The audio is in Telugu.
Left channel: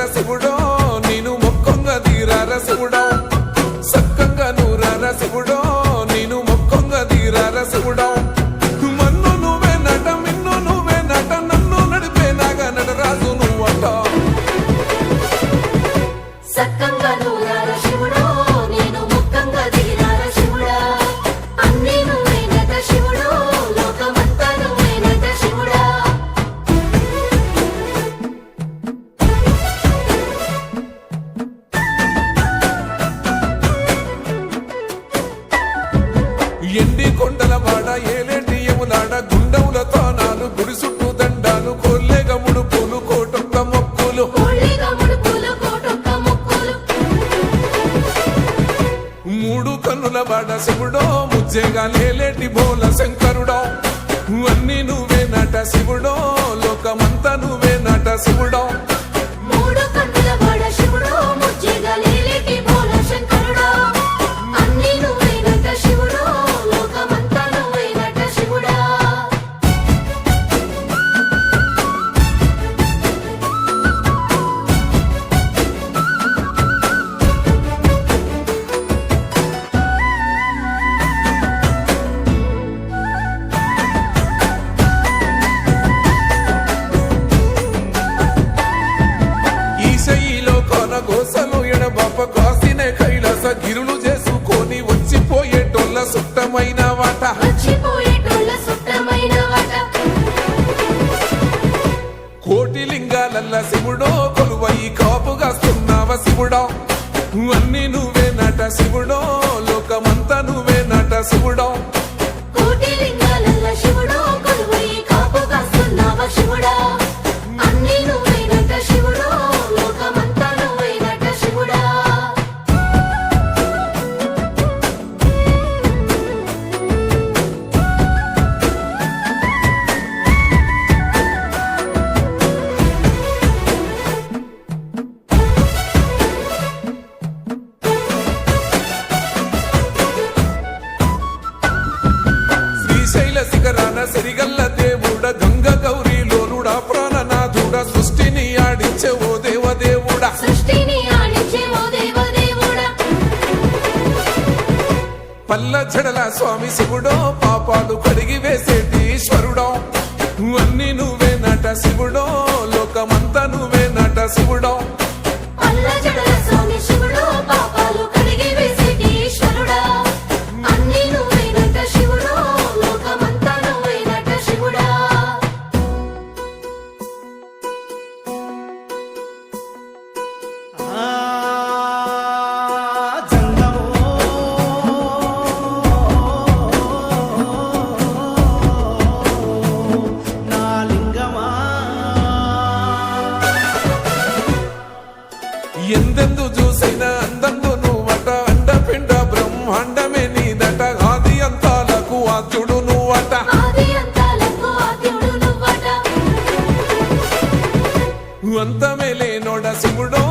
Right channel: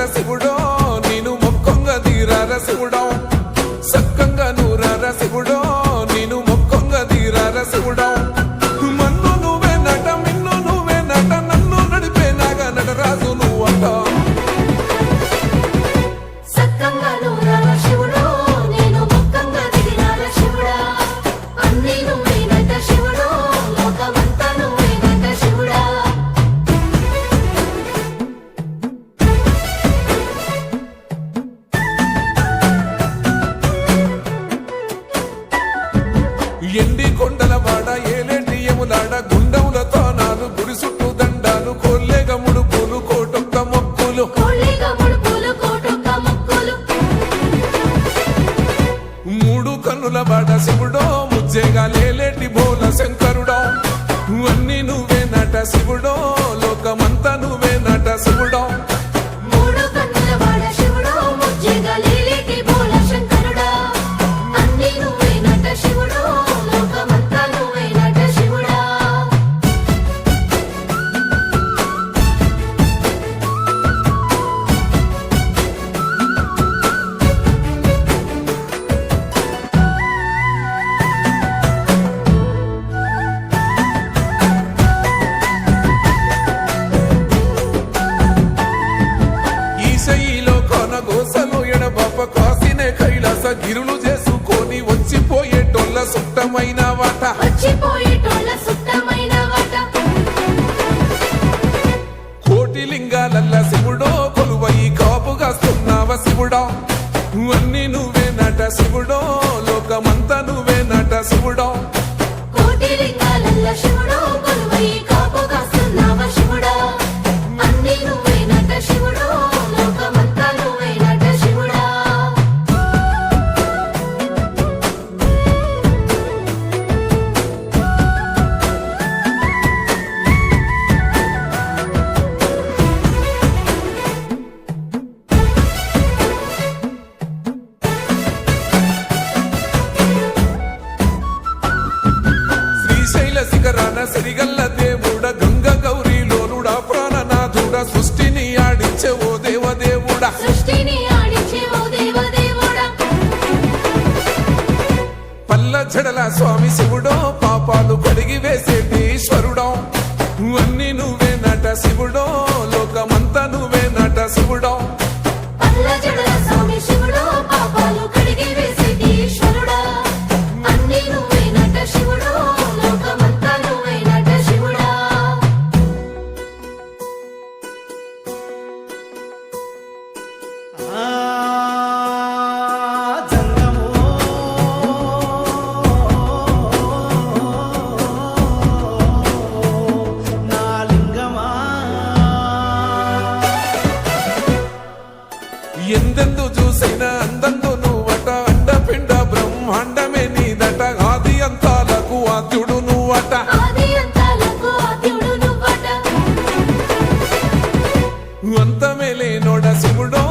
తీరార శివుడో నేను మొక్కంగా తీరార శివుడో సక్కంగా నూరార శివుడో నేను మొక్కంగా తీరార శివుడో మన్ను నువ్వే నట మిన్ను నువ్వే నట నన్ను నడిపే నాగా నటరాజు నువ్వట ఎండి కొండల వాడ ఏలేటి యములాడ గుండముల తానాలు గుడి చుట్టూ దండాలు కోల్లేగ ముడుపులు కోటొక్క మొక్కులు మూడు కన్నుల వాడ శివుడో ముజ్జేగా లేలేటి బోల శంకరుడో అన్ని నువ్వే నట శివుడో లోకమంతా నువ్వే నట శివుడో ఈశయిలో కొన గోసలు ఎడబాప కాసినే కైలాస గిరులు చేసుకొని వచ్చిపోయేటోళ్ళ సుట్టమైన వాట కోటి లింగాలల్ల శివుడో కొలువై కాపుగాస్తున్నావ శివుడో అన్ని నువ్వే నట శివుడో లోకమంతా నువ్వే నట శివుడో శ్రీశైల శిఖరాన సిరిగల్ల దేవుడ గంగ గౌరీ లోలుడా ప్రాణనాథుడ సృష్టిని ఆడించే ఓ దేవదేవుడా పల్ల జడల స్వామి శివుడో పాపాలు కడిగి వేసేటి ఈశ్వరుడో అన్ని నువ్వే నట శివుడో లోకమంతా నువ్వే నట శివుడో ఎందెందు చూసిన అందందు నువ్వట అండపిండ బ్రహ్మాండమే నీదట ఆది అంతాలకు ఆద్యుడు నువ్వట అంతమే లేనోడ శివుడో